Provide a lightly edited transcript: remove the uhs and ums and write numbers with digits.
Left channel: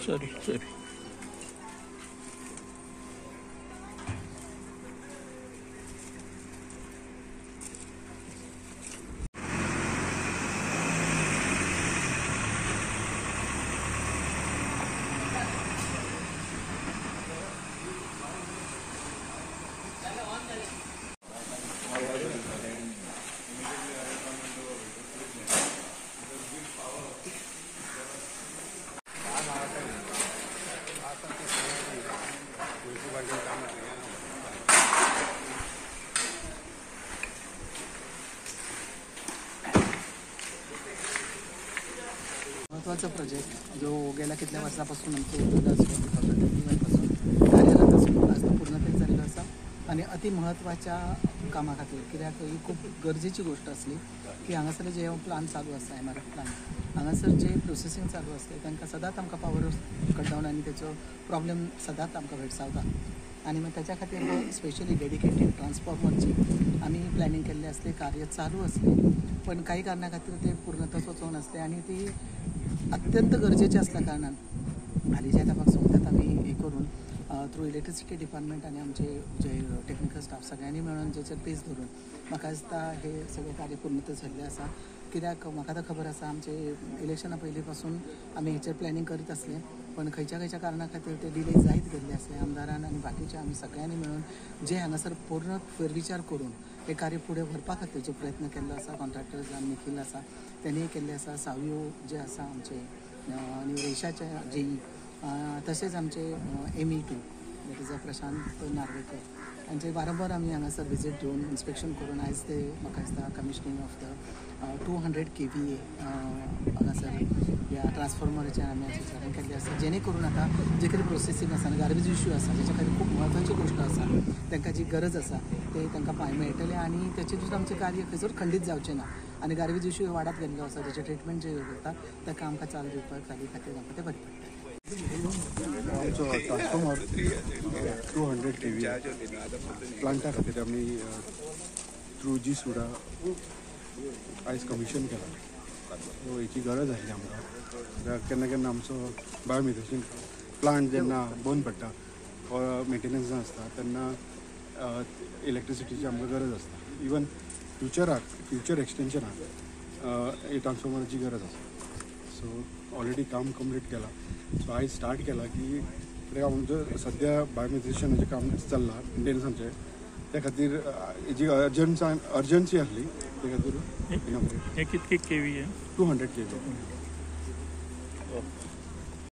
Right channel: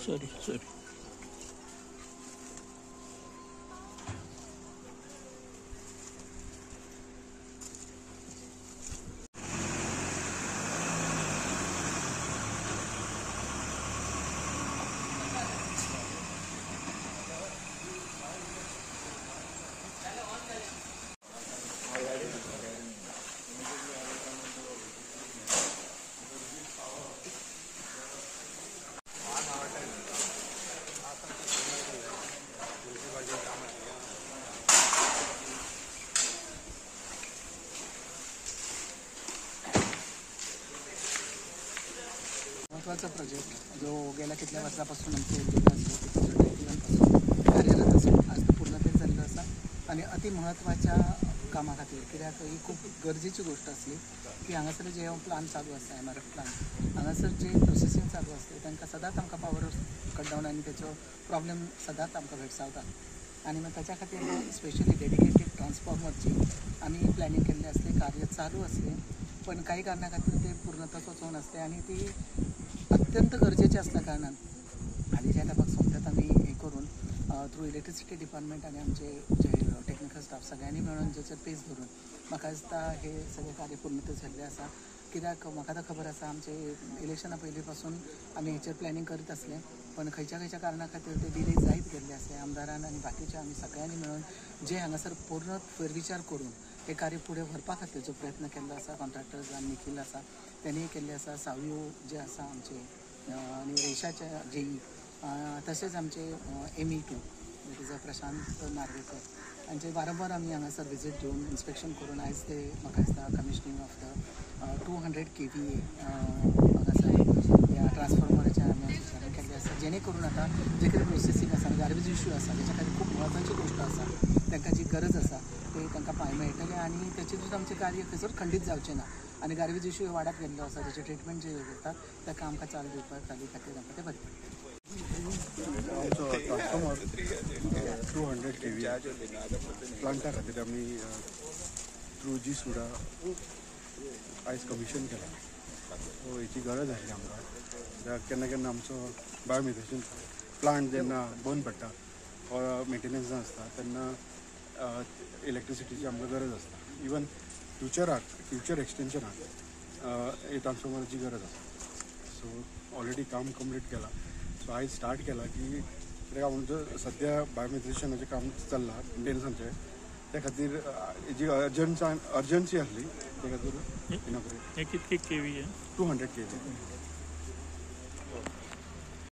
sorry महत्त्वाचा project जो गेल्या कितल्या वर्षापासून आमचे पासून कार्यरत आसा आज तो पूर्णतेक जाल्लो आसा आनी अति महत्वाच्या कामा खातीर कित्याक ही खूब गरजेची गोष्ट आसली की हांगासर जे प्लान चालू आसा MRF प्लान हांगासर जे प्रोसेसींग चालू आसता तांकां सदांच आमकां पावर कट डावन आनी तेचो प्रॉब्लेम सदांच आमकां भेडसावता आनी मागीर त्याच्या खातीर स्पेशली डेडिकेटेड ट्रान्सफॉर्मरची आमी प्लॅनिंग केल्ले असले कार्य चालू असले पण काही कारणा खातीर ते पूर्णतः वचोंक नासले आनी ती अत्यंत गरजेचे असल्या कारणान हालींच्या तेंपाक सोमत्यात आमी हे करून थ्रू इलेक्ट्रिसिटी डिपार्टमेंट आनी आमचे जे टेक्निकल स्टाफ सगळ्यांनी मेळून जेचेर पेस धरून म्हाका दिसता हे सगळे कार्य पूर्णतः जाल्ले आसा कित्याक म्हाका आतां खबर आसा आमचे इलेक्शना पयलीं पासून आमी हेचेर प्लॅनिंग करीत आसले पण खंयच्या कारणा खातीर ते डिले जायत गेल्ले आसले आमदारान आनी बाकीचे आमी सगळ्यांनी मेळून जे हांगासर पूर्ण फेरविचार करून हे कार्य फुडें व्हरपा खातीर जो प्रयत्न केल्लो आसा कॉन्ट्रॅक्टर्स आनी निखील आसा तेणी केल्ले आसा सावयो जे आसा आमचे आनी रेशाचे JE तशेंच आमचे ME2 that is Prashant Narvekar हांचे वारंवार आमी हांगासर विजीट दिवन इन्स्पेक्शन करून आयज ते म्हाका दिसता कमिशनिंग ऑफ द 200 KVA हांगासर ह्या ट्रान्सफॉर्मराचेर आमी विचारण केल्ले आसा जेणे करून आतां जे कितें प्रोसेसींग आसा गार्बेज इश्यू आसा जेच्या खातीर खूब म्हत्वाची गोश्ट आसा तांकां जी गरज आसा ते तांकां पांय मेळटले आनी तेचे सुद्दां आमचें कार्य खंयसर खंडीत जावचें ना आनी गार्बेज इश्यू वाडत गेल्लो आसा जेचे ट्रिटमेंट जे जाता ताका आमकां चाल दिवपाक खातीर आमकां ते बरें पडटा आमचो ट्रान्सफॉर्मर 200 KVA प्लांटा खातीर आमी थ्रू जी सुडा आयज कमिशन केला सो हेची गरज आसली आमकां केन्ना केन्ना आमचो बायोमेथेशन प्लांट जेन्ना बंद पडटा वा मेंटेनन्स आसता तेन्ना इलेक्ट्रिसिटीची आमकां गरज आसता इवन फ्युचर एक्सटेन्शनाक हे ट्रान्सफॉर्मराची गरज आसा सो ऑलरेडी काम कंप्लीट केला सो आयज स्टार्ट केला की कित्याक आमचो सद्या बायोमेथेशनाचें काम चल्लां मेंटेनन्साचें त्या खातीर हेजी अर्जंसी आसली त्या खातीर कितके KVA 200 KVA